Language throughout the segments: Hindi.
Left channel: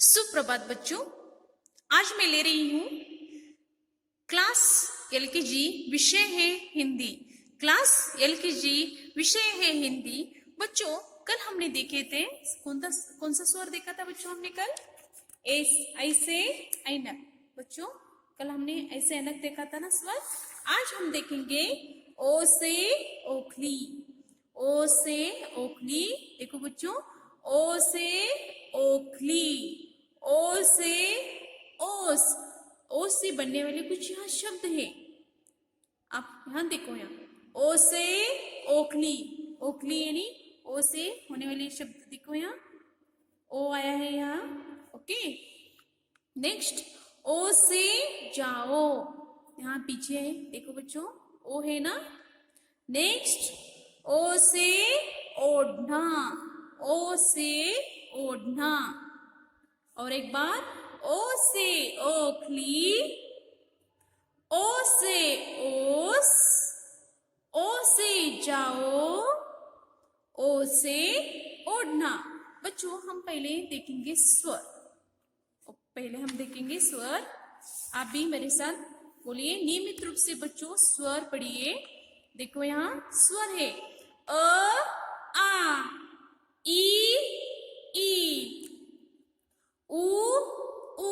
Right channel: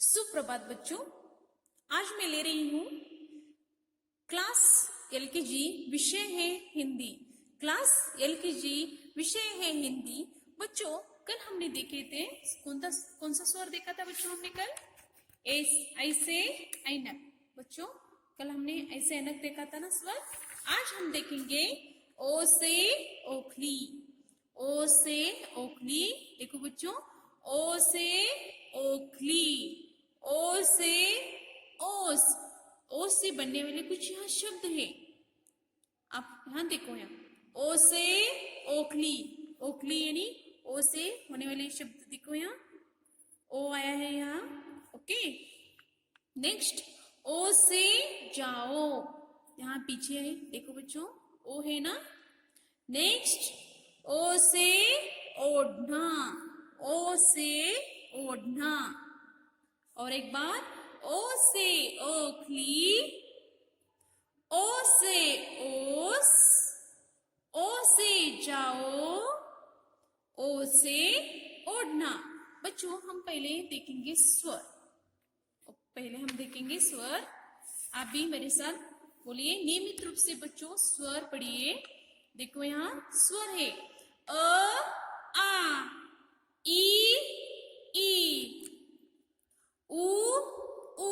सुप्रभात बच्चों, आज मैं ले रही हूँ क्लास एलकेजी, विषय है हिंदी। क्लास एलकेजी विषय है हिंदी। बच्चों, कल हमने देखे थे कौन सा स्वर देखा था बच्चों? हमने कल ऐसे ऐनक। बच्चों, कल हमने ऐसे ऐनक देखा था ना स्वर। आज हम देखेंगे ओ से ओखली। ओ से ओखली। देखो बच्चों, ओ से ओखली, ओ से ओस। ओस से बनने वाले कुछ यहाँ शब्द है। आप यहाँ देखो, यहाँ ओ से ओखली। ओखली यानी ओ से होने वाले शब्द देखो, यहाँ ओ आया है यहाँ। ओके, नेक्स्ट ओ से जाओ। यहाँ पीछे है, देखो बच्चों, ओ है ना। नेक्स्ट ओ से ओढ़ना। ओ से ओढ़ना। और एक बार ओ से ओखली, ओ से ओस, ओ से जाओ, ओ से ओढ़ना। बच्चों, हम पहले देखेंगे स्वर। पहले हम देखेंगे स्वर। आप भी मेरे साथ बोलिए नियमित रूप से बच्चों, स्वर पढ़िए। देखो यहाँ स्वर है अ, आ, ई, उ, ऊ,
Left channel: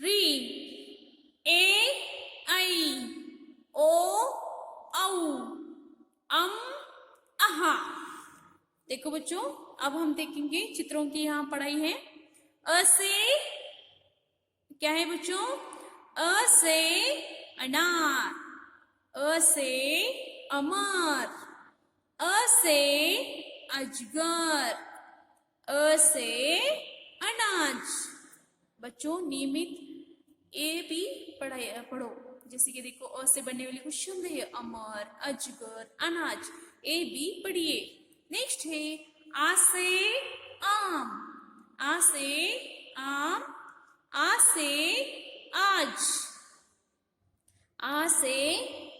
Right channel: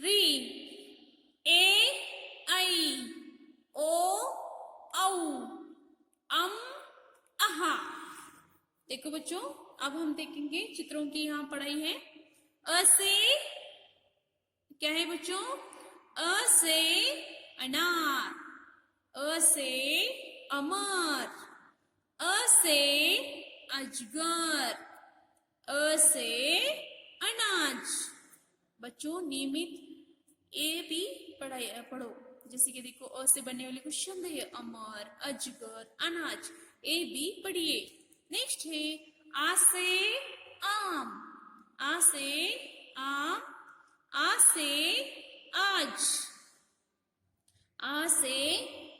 री, ए, ऐ, ओ, औ, अम, आहा। देखो बच्चों, अब हम देखेंगे चित्रों की यहाँ पढ़ाई है। अ से क्या है बच्चों? अ से अनार, अ से अमर, अ से अजगर, अ से अनाज। बच्चों, नियमित ए भी पढ़ो। जैसे कि देखो, अ से बनने वाले कुछ शब्द है अमर, अजगर, अनाज। ए भी पढ़िए। नेक्स्ट है आ से आम। आ से आम, आ से आज, आ से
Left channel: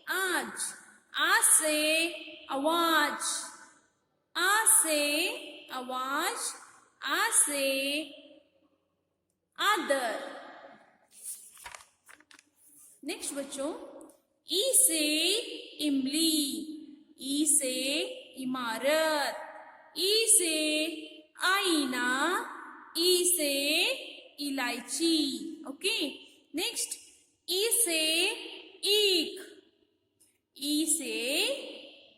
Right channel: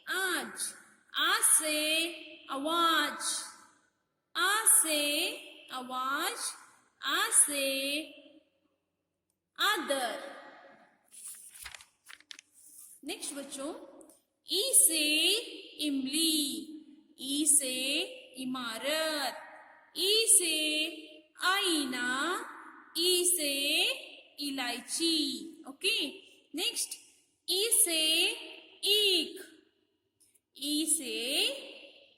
आज, आ से आवाज, आ से आवाज, आ से आदर। नेक्स्ट बच्चों, ई से इमली, ई से इमारत, ई से आईना, ई से इलायची। ओके, नेक्स्ट ई से ईख, ई से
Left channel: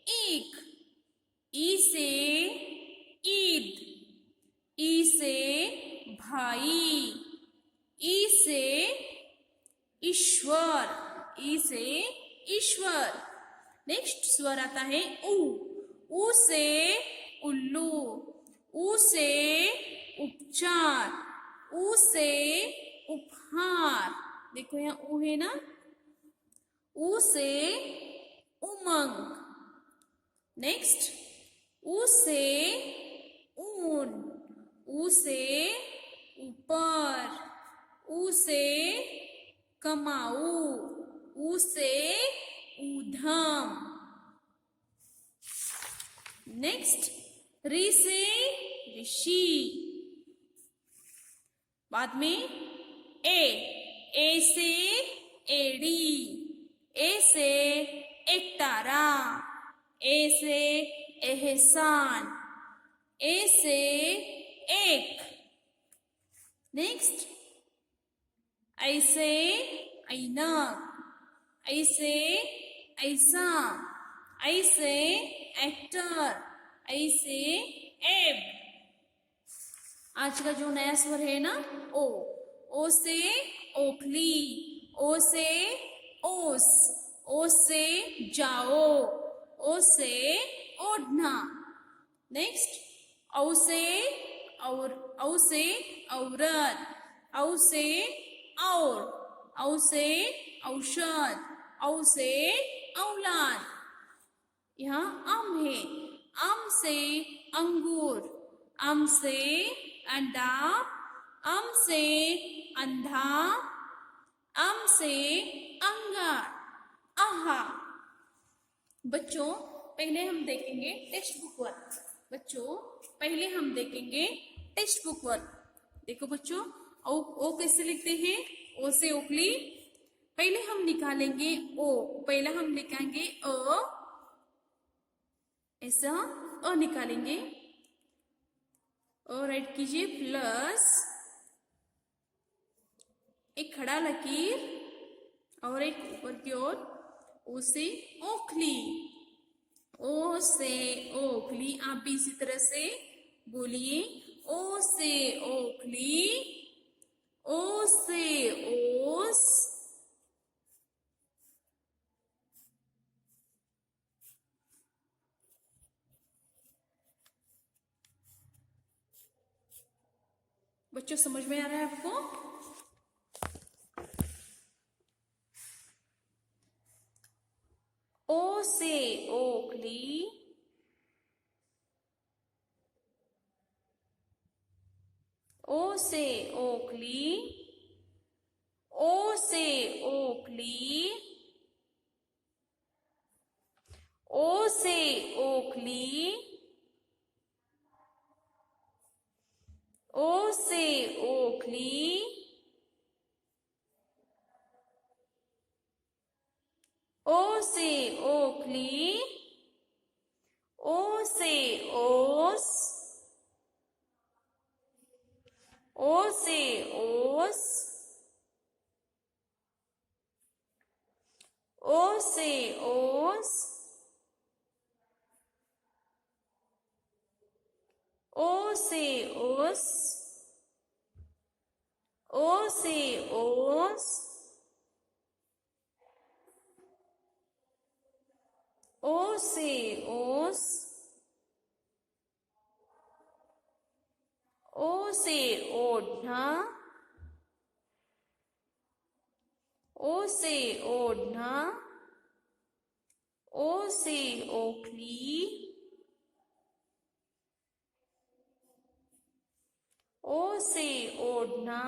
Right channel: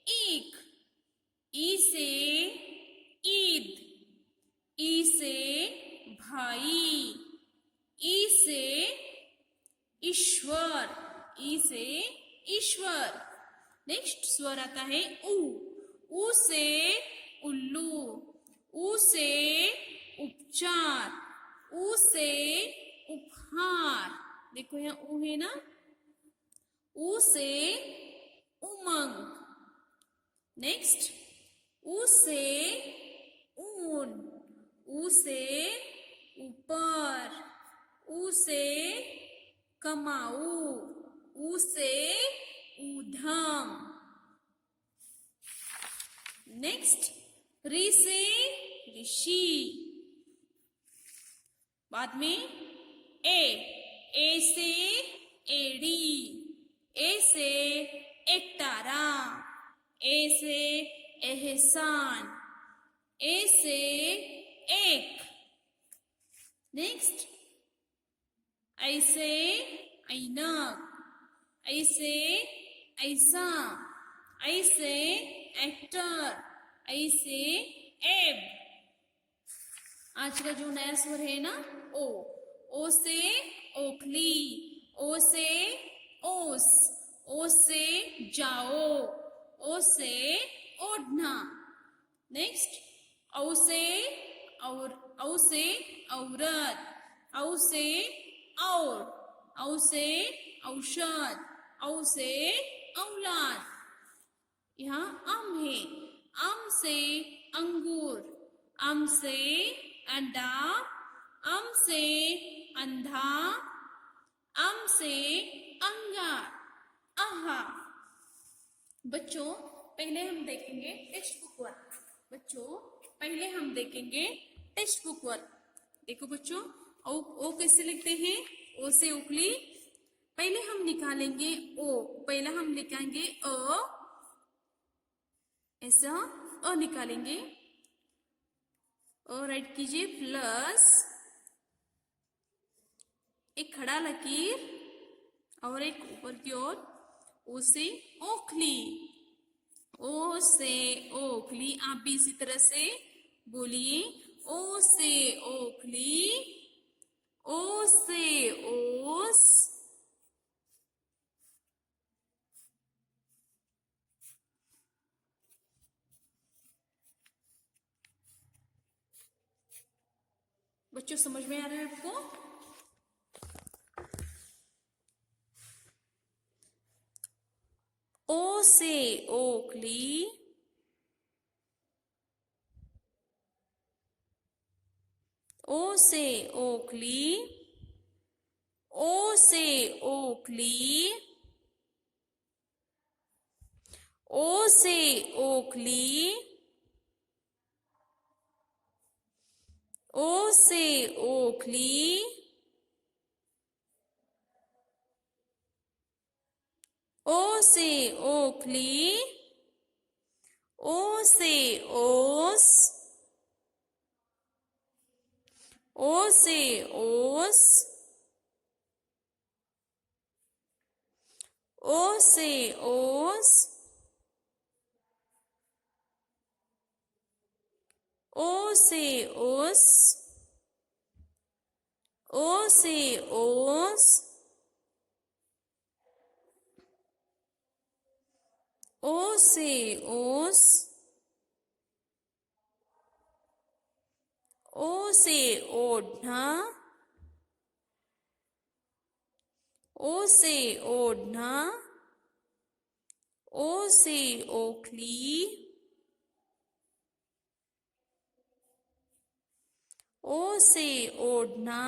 ईख, ई से ईद, ई से भाई, ई से ईश्वर, ई से ईश्वर। नेक्स्ट स्वर आता है ऊ से उल्लू, ऊ से उपचार, ऊ से उपहार। देखो यहाँ ऊ है ना। ऊ से उमंग। नेक्स्ट ऊ से ऊन, ऊ से ऊपर, ऊ से कमाऊ, ऊ से ऊधम। नेक्स्ट री से ऋषि। बाद में ए से एड़ी, ए से एकतारा, ए से एहसान, ए से एक। नेक्स्ट ऐसे ऐनक, ऐसे ऐसा, ऐसे एक्टर, ऐसे एब। आज का जो नया स्वर है ना ओ से ओखली, ओ से ओस, ओ से जाओ, ओ से ओढ़ना। नेक्स्ट औ से औरत, औ से और, औ से औषध, औ से औलाद। यहाँ आम है, आम से अंगूर, आम से अंडा, आम से अंधा, आम से अंगार, आहा। बच्चों, पहले हम देखेंगे टेक्स्ट बुक वर्क। बच्चों, पहले हम देखेंगे टेक्स्ट बुक वर्क। देखो बच्चों, ओ कैसे लिखते हैं? ओ से ओखली। पहले हम निकालेंगे ओ, पहले हम लिखेंगे अ, ऐसा अ निकालेंगे, अ राइट कीजिए, प्लस एक खड़ा लकीर और एक ऊपर की ओर, ओ से ओखली। ओ से ओखली। आप भी इसी तरह से बोलिए, ओ से ओखली, ओ से ओस, बच्चों समझ में आ रहा है आपको? ओ से ओखली, ओ से ओखली, ओ से ओखली, ओ से ओखली, ओ से ओखली, ओ से ओखली, ओ से ओस, ओ से ओस, ओ से ओस, ओ से ओस, ओ से ओस, ओ से ओस, ओ से ओढ़ना, ओ से ओढ़ना, ओ से ओखली, ओ से ओढ़ना,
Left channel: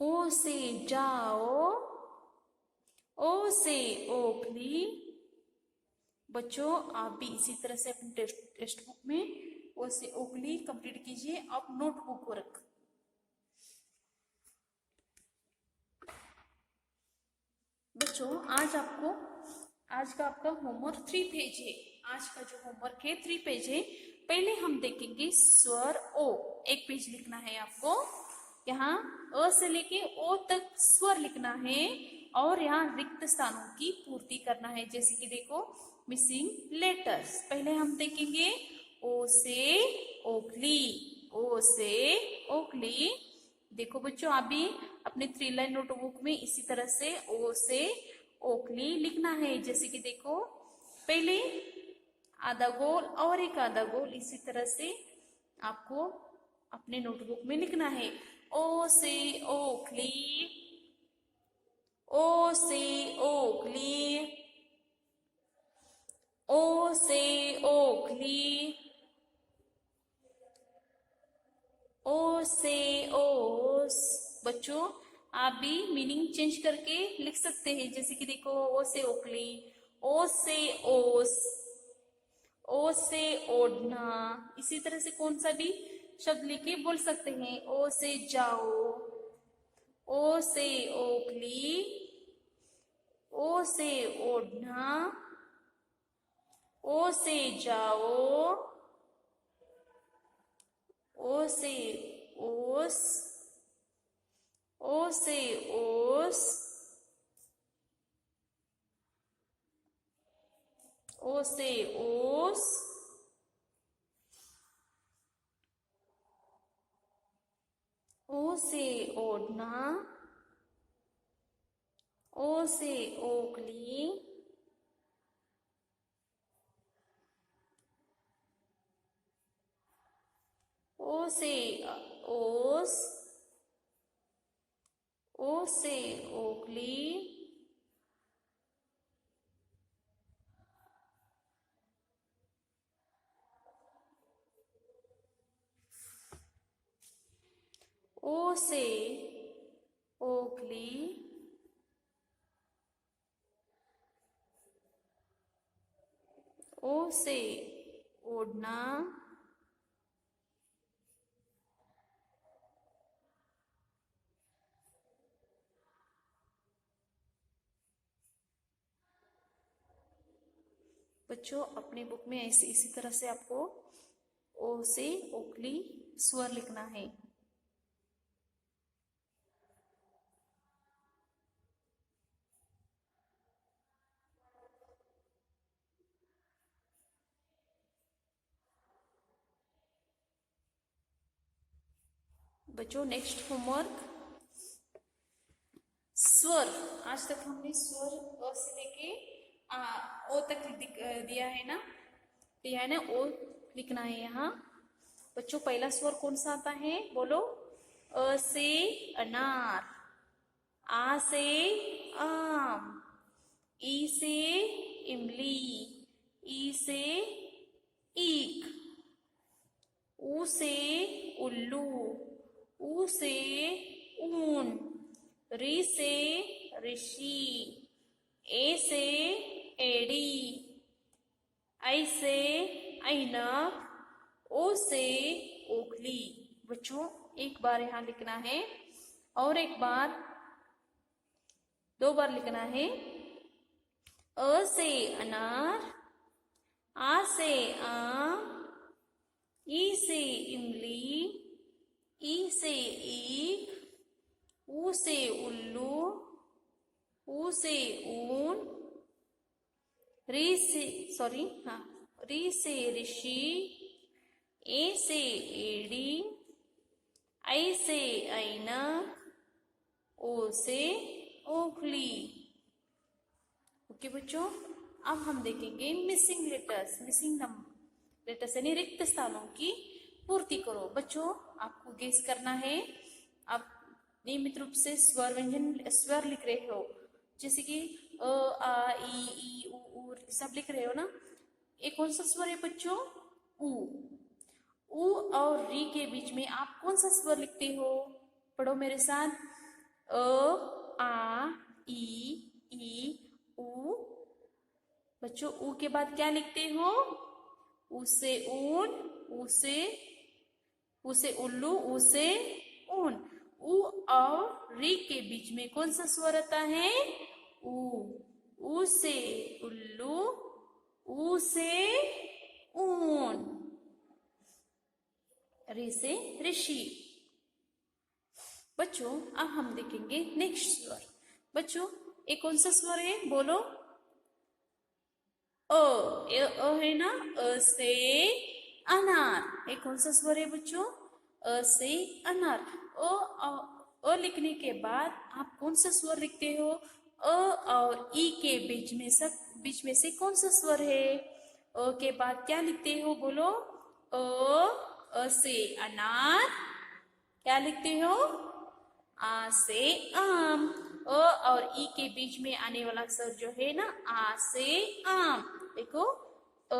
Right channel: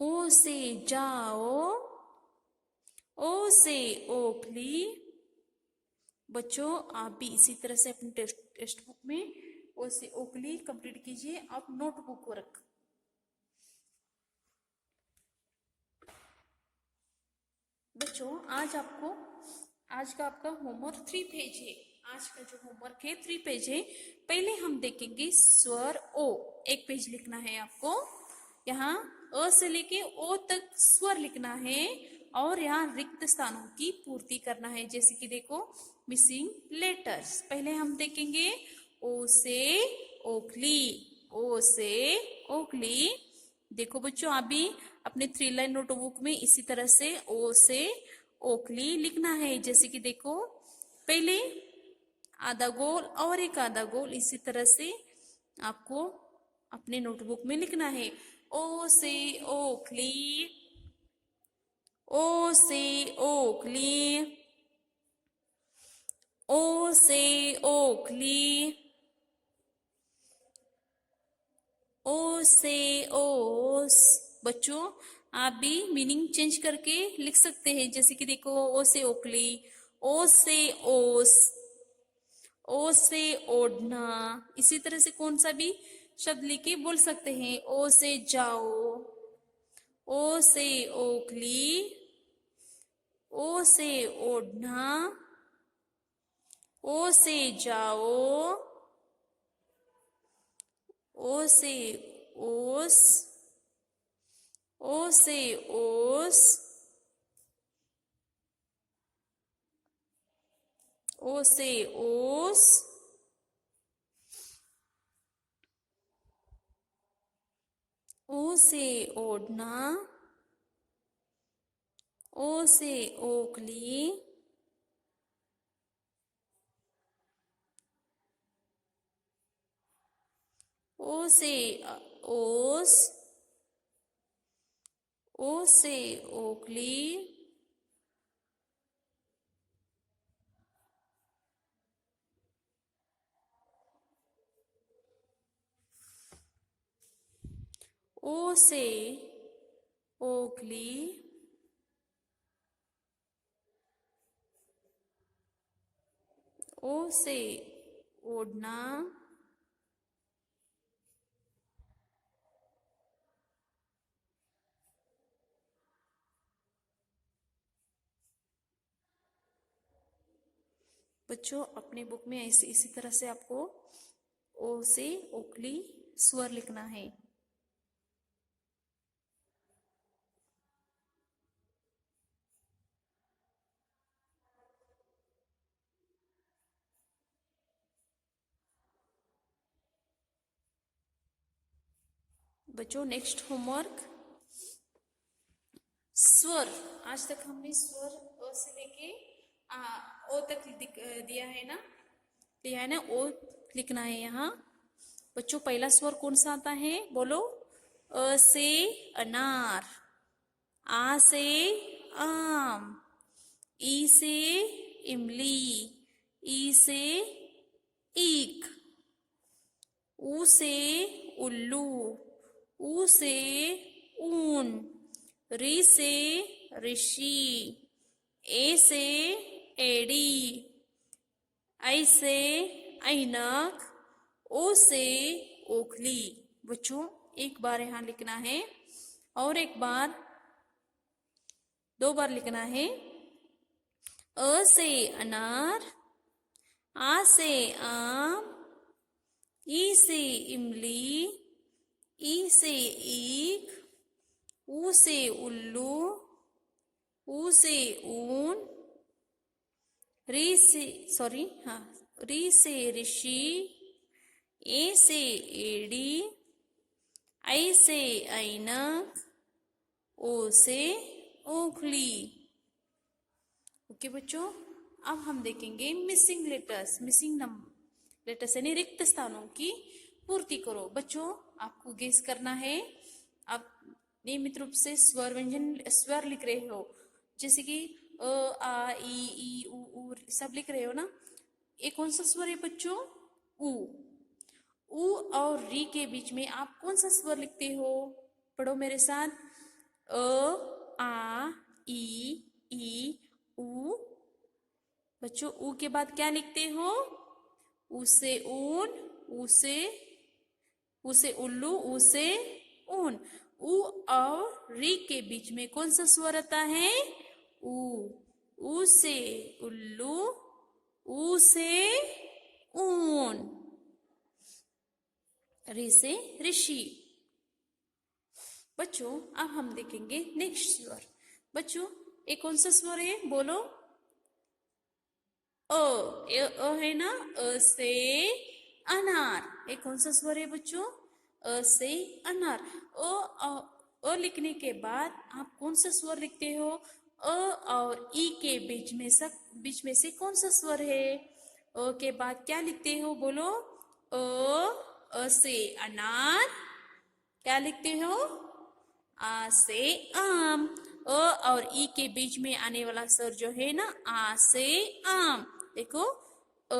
ओ से जाओ, ओ से ओखली। बच्चों आप भी इसी तरह से अपनी टेक्स्ट बुक में ओ से ओखली कंप्लीट कीजिए। आप नोटबुक को रख। बच्चों आज का आपका होमवर्क 3 पेज है। आज का जो होमवर्क है 3 पेज है। पहले हम देखेंगे स्वर ओ। एक पेज लिखना है आपको। यहाँ अ से लेके ओ तक स्वर लिखना है और यहाँ रिक्त स्थानों की पूर्ति करना है। जैसे कि देखो, मिसिंग लेटर्स। पहले हम देखेंगे ओ से ओखली, ओ से ओखली। देखो बच्चों, आप भी अपने 3 लाइन नोटबुक में इसी तरह से ओ से ओखली लिखना है। जैसे कि देखो, पहले आधा गोल और एक आधा गोल, इसी तरह से आपको अपने नोटबुक में लिखना है। ओ से ओखली, ओ से ओखली, ओ से ओखली, ओ से ओस। बच्चों आप भी मीनिंग चेंज करके लिख सकते हैं। जैसे कि देखो, ओ से ओखली, ओ से ओस, ओ से ओढ़ना। इसी तरह से कौन सा भी शब्द लेके बोल सकते हैं। ओ से जाओ, ओ से ओखली, ओ से ओढ़ना, ओ से जाओ, ओ से ओस, ओ से ओस, ओ से ओस, ओ से ओढ़ना, ओ से ओखली, ओ से ओस, ओ से ओखली, ओ से ओखली, ओ से ओढ़ना, बच्चों अपनी बुक में इसी तरह से आपको ओ से ओखली स्वर लिखना है। बच्चों नेक्स्ट होमवर्क स्वर। आज तक हमने स्वर अ से लेके ओ तक दिया है ना, ओ लिखना है यहाँ। बच्चों पहला स्वर कौन सा आता है बोलो? अ से अनार, आ से आम, ई से इमली, ई से ईख, ऊ से उल्लू, ऊ से ऊन, री से ऋषि, ए से एड़ी, आई से ऐनक, ओ से ओखली। बच्चों एक बार यहाँ लिखना है और एक बार, 2 बार लिखना है। अ से अनार, आ से आम, ई से इमली, ई से ईख, ऊ से उल्लू, ऊ से ऊन, री से ऋषि, ए से एड़ी, आई से ऐनक, ओ से ओखली। ओके बच्चों, अब हम देखेंगे मिसिंग लेटर्स यानी रिक्त स्थानों की पूर्ति करो। बच्चों आपको गेस करना है, आप नियमित रूप से स्वर लिख रहे हो, जैसे कि अ आ ई उ सब लिख रहे हो ना। ये कौन सा स्वर है बच्चों? उ। उ और री के बीच में आप कौन सा स्वर लिखते हो? पढ़ो मेरे साथ। अ आ ई उ। बच्चों उ के बाद क्या लिखते हो? उ से ऊन, उ से उल्लू, उ से ऊन। उ और री के बीच में कौन सा स्वर आता है? उ। उ से उल्लू, उ से ऊन, री से ऋषि। बच्चों अब हम देखेंगे नेक्स्ट स्वर। बच्चों एक कौन सा स्वर है बोलो? अ है ना, अ से अनार। एक कौन सा स्वर है बच्चों? अ से अनार। अ लिखने के बाद आप कौन सा स्वर लिखते हो? अ और ई के बीच में से कौन सा स्वर है? अ के बाद क्या लिखते हो बोलो? अ से अनार, क्या लिखते हो? आ से आम। अ और ई के बीच में आने वाला स्वर जो है ना, आ से आम। देखो अ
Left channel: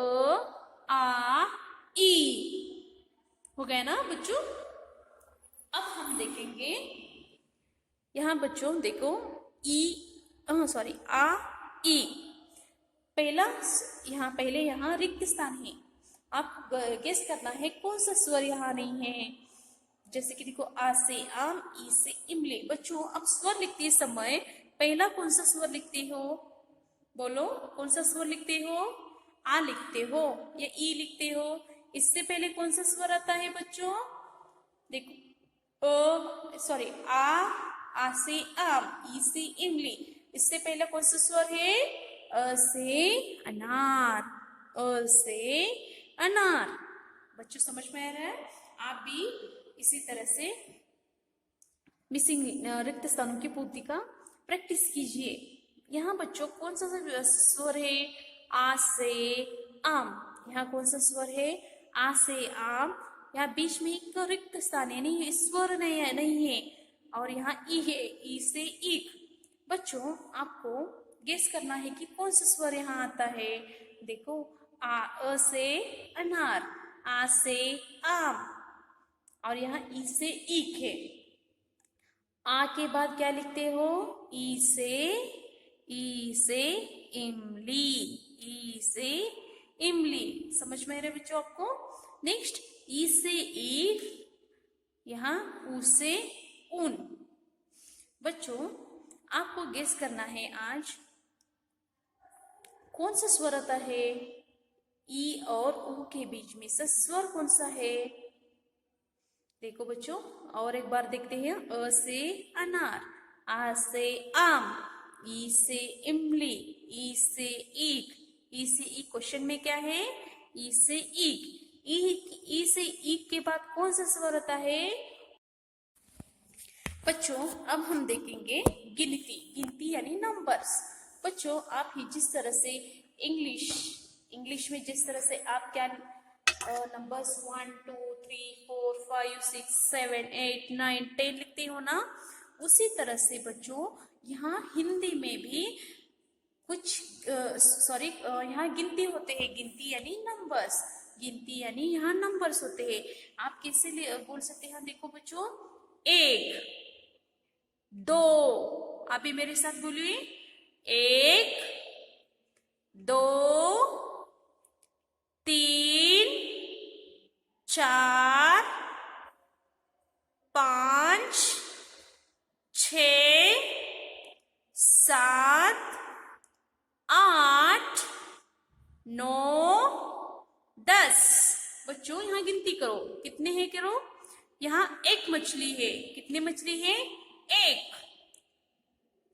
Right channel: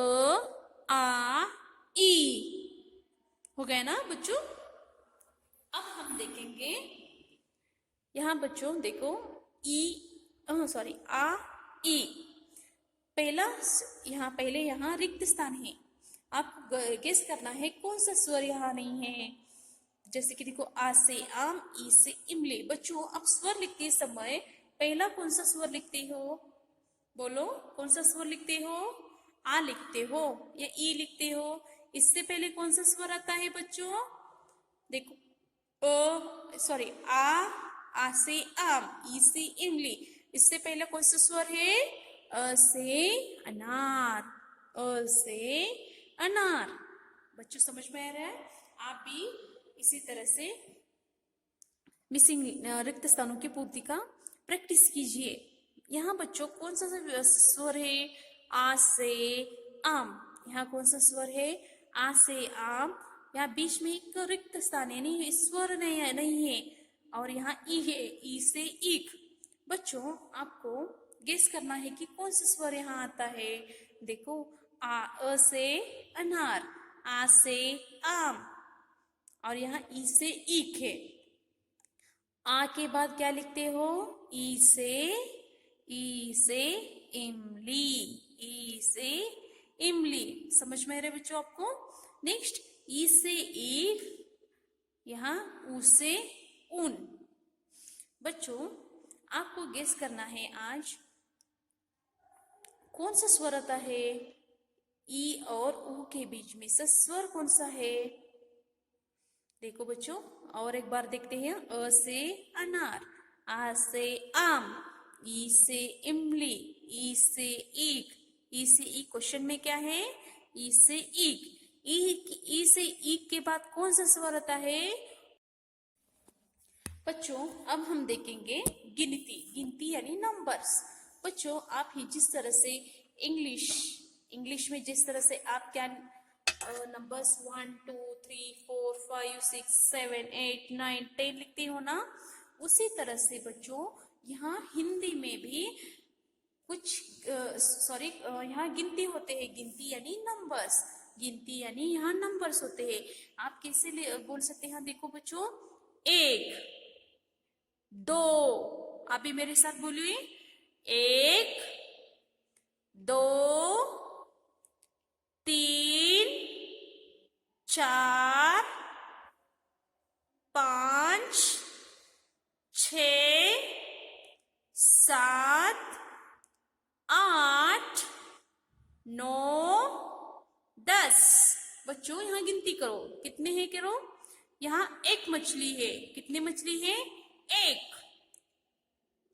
आ ई हो गया ना बच्चों। अब हम देखेंगे यहाँ बच्चों, देखो ई सॉरी आ ई। पहले यहाँ रिक्त स्थान है, आप गेस करना है कौन सा स्वर यहाँ नहीं है। जैसे कि देखो आ से आम, ई से इमली। बच्चों अब स्वर लिखते समय पहला कौन सा स्वर लिखते हो बोलो? कौन सा स्वर लिखते हो? आ लिखते हो या ई लिखते हो? इससे पहले कौन सा स्वर आता है बच्चों? देखो आ से आम, ई से इमली। इससे पहले कौन सा स्वर है? अ से अनार, अ से अनार। बच्चों समझ में आ रहा है? आप भी इसी तरह से मिसिंग रिक्त स्थानों की पूर्ति का प्रैक्टिस कीजिए। यहाँ बच्चों कौन सा स्वर है? आ से आम। यहाँ कौन सा स्वर है? आ से आम। यहाँ बीच में एक रिक्त स्थान यानी स्वर नहीं है और यहाँ ई है, ई से ईख। बच्चों आपको गेस करना है कि कौन सा स्वर यहाँ आता है। देखो अ से अनार, आ से आम और यहाँ ई से ईख है। आ के बाद क्या लिखते हो? ई से इमली, ई से इमली। समझ में आ रहा है बच्चों आपको? नेक्स्ट ई से ईख, यहाँ ऊ से ऊन। बच्चों आपको गेस करना है आज कौन सा स्वर आता है ई और ऊ के बीच में से स्वर कौन सा है? देखो बच्चों और एक बार देखते हैं। अ से अनार, आ से आम, ई से इमली, ई से ईख। ई से ईख क्वेश्चन में क्या है? ई से ईख। ई से ईख के बाद कौन सा स्वर आता है? बच्चों अब हम देखेंगे गिनती यानी नंबर्स। बच्चों आप ही जिस तरह से इंग्लिश में जिस तरह से आप क्या नंबर्स 1 2 3 4 5 6 7 8 9 10 लिखते हो ना, उसी तरह से बच्चों यहाँ हिंदी में भी कुछ यहाँ गिनती होते हैं। गिनती यानी नंबर्स, गिनती यानी यहाँ नंबर्स होते हैं। आप कैसे बोल सकते हैं? देखो बच्चों, 1 2, आप भी मेरे साथ बोलिए। 1 2 3 4 5 6 7 8 9 10। बच्चों यहाँ गिनती करो, कितने हैं करो। यहाँ एक मछली है, कितने मछली है?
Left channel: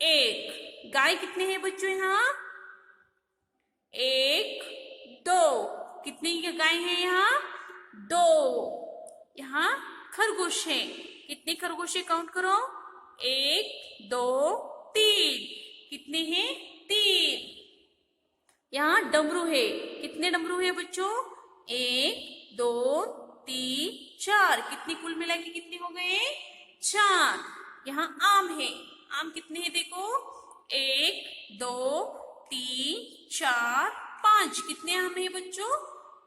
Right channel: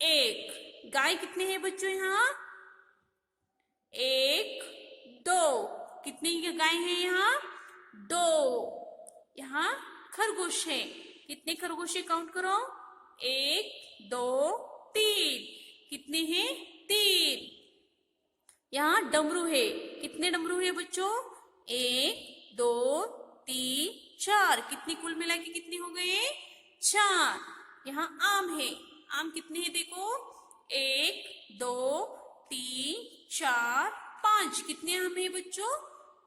एक। गाय कितने हैं बच्चों? यहाँ 1 2, कितनी गाय है? यहाँ 2। यहाँ खरगोश है, कितने खरगोश है? काउंट करो। 1 2 3, कितने हैं? 3। यहाँ डमरू है, कितने डमरू है बच्चों? 1 2 3 4, कितनी कुल मिला के कितनी हो गए? 4। यहाँ आम है, आम कितने हैं? देखो 1 2 3 4 5, कितने आम है बच्चों?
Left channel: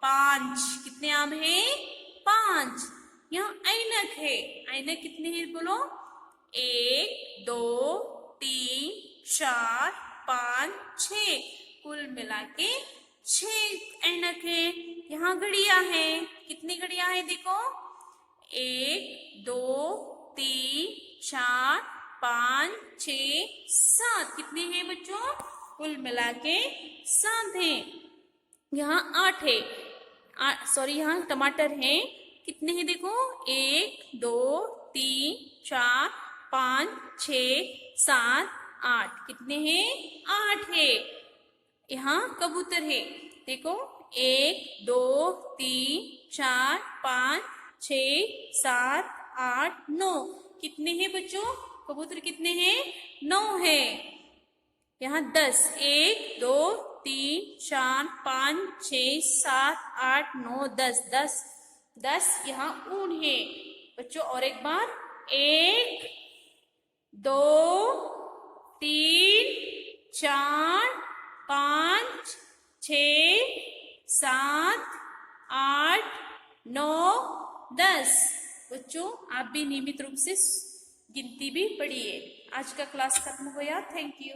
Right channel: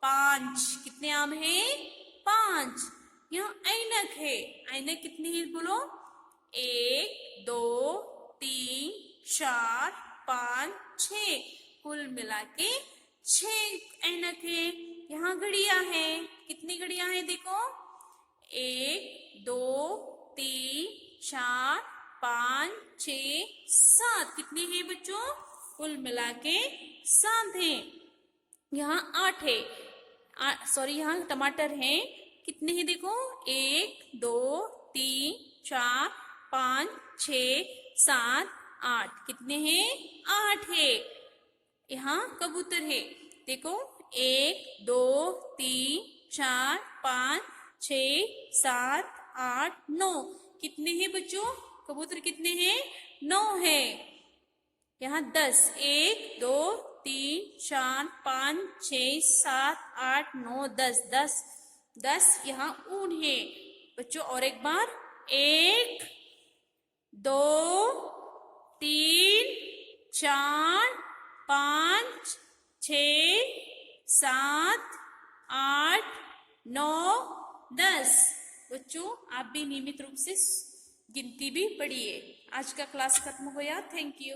5। कितने आम है? 5। यहाँ ऐनक है, ऐनक कितने हैं? बोलो। 1 2 3 4 5 6, कुल मिला के 6 ऐनक है। यहाँ घड़ियां है, कितनी घड़ियां है? देखो 1 2 3 4 5 6 7, कितने हैं बच्चों? कुल मिला के 7 है। यहाँ 8 है, यहाँ टमाटर है, कितने हैं? देखो 1 2 3 4 5 6 7 8, कितने हैं? 8 है। यहाँ कबूतर है, देखो 1 2 3 4 5 6 7 8 9, कितने हैं बच्चों? कबूतर कितने हैं? 9 है। यहाँ 10, 1 2 3 4 5 6 7 8 9 10, 10 यहाँ ऊन है बच्चों। और एक बार 1 2 3 4 5 6 7 8 9 10। बच्चों आप भी नियमित रूप से गिनती भी पढ़िए। आज का क्लास खत्म हो गया। Thank you.